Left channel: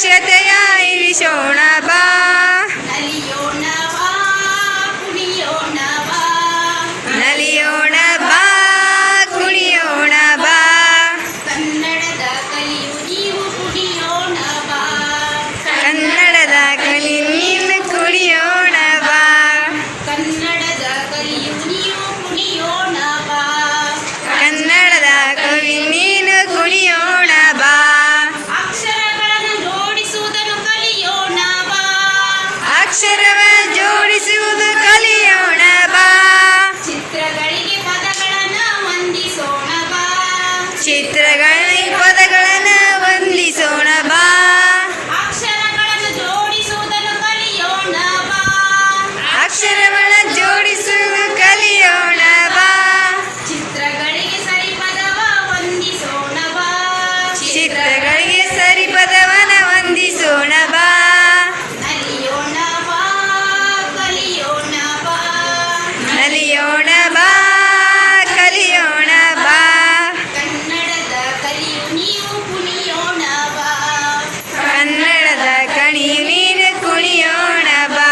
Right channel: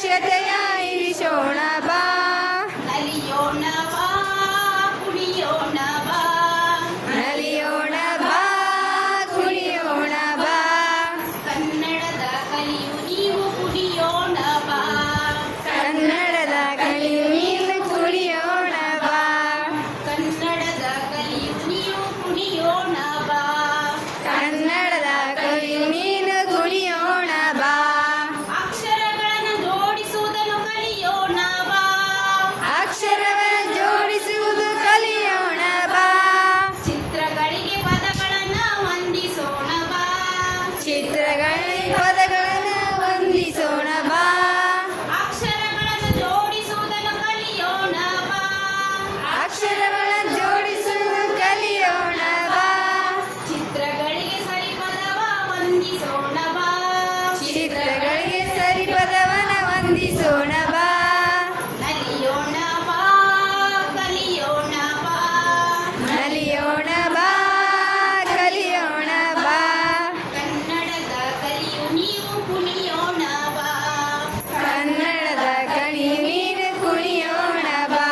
ಸಾಕ್ಷತೆಯ ಇರಿಸೋಣ ಬಾ. ನಲಿಯೋಣ ಬಾ ಕುಣಿಯೋಣ ಬಾ. ನಲಿಯೋಣ ಬಾ ಕುಣಿಯೋಣ ಬಾ. ಕನ್ನಡದ ಕಲಿಯು ನೀವು ಕುಣಿಯೋಣ ಬಾ. ಕನ್ನಡದ ಕಲಿ ನೀನು ಕುಣಿಯೋಣ ಬಾ. ಕನ್ನಡದ ಕಲಿಯು ನೀವು ಕುಣಿಯೋಣ ಬಾ. ಕನ್ನಡದ ಕಲಿ ನೀನು ಕುಣಿಯೋಣ ಬಾ. ಅಕ್ಷರಗಳನ್ನು ಜೋಡಿಸುವುದನ್ನು ಕಲಿಯೋಣ ಬಾ. ಅಕ್ಷರವ ಜೋಡಿಸುವುದು ಕಲಿಯೋಣ ಬಾ. ಚಿತ್ರಗಳಿಗೆ ಪದಗಳನ್ನು ಹೊಂದಿಸೋಣ ಬಾ. ಚಿತ್ರಗಳಿಗೆ ಪದಗಳನ್ನು ಹೊಂದಿಸೋಣ ಬಾ. ಅಕ್ಷರಗಳನ್ನು ಜೋಡಿಸುವುದನ್ನು ಕಲಿಯೋಣ ಬಾ. ಅಕ್ಷರವನ್ನು ಜೋಡಿಸುವುದು ಕಲಿಯೋಣ ಬಾ. ಚಿತ್ರಗಳಿಗೆ ಸರಿ ಪದವ ಹೊಂದಿಸೋಣ ಬಾ. ಚಿತ್ರಗಳಿಗೆ ಸರಿ ಪದವನ ಹೊಂದಿಸೋಣ ಬಾ. ನಲಿಯೋಣ ಬಾ ಕಲಿಯೋಣ ಬಾ. ನಲಿಯೋಣ ಬಾ ಕಲಿಯೋಣ ಬಾ. ಕನ್ನಡದ ಕಲಿಯು ನೀವು ಕುಣಿಯೋಣ ಬಾ. ಕನ್ನಡದ ಕಣಿ ನೀನು ಕುಣಿಯೋಣ ಬಾ.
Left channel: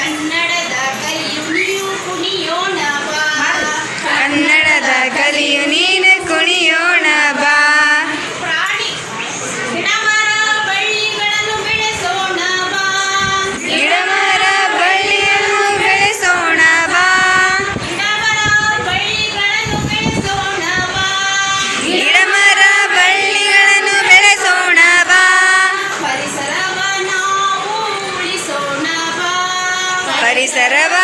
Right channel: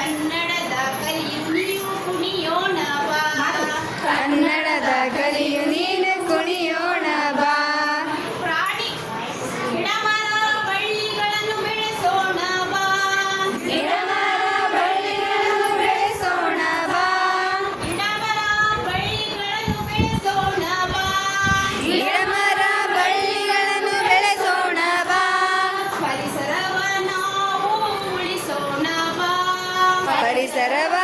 ಕನ್ನಡದ ಕಲಿಯು ನೀವು ಕುಣಿಯೋಣ ಬಾ. ಕನ್ನಡದ ಕಲಿಯು ನೀನು ಕುಣಿಯೋಣ ಬಾ. ಪ್ರಾಣಿ ಗಿಡಮರ ಬಳ್ಳಿಗಳನ್ನು ಬೆಳೆಸೋಣ ಬಾ. ಗಿಡಮರ ಬಳ್ಳಿಯನ್ನು ಬೆಳೆಸೋಣ ಬಾ. ಗಿಡಮರ ಬಳ್ಳಿಗಳನ್ನು ಬೆಳೆಸೋಣ ಬಾ. ಗಿಡಮರ ಬಳ್ಳಿಗಳನ್ನು ಬೆಳೆಸೋಣ ಬಾ. ಪರಿಸರವ ನಾವು ಉಳಿಸೋಣ ಬಾ. ಪರಿಸರವ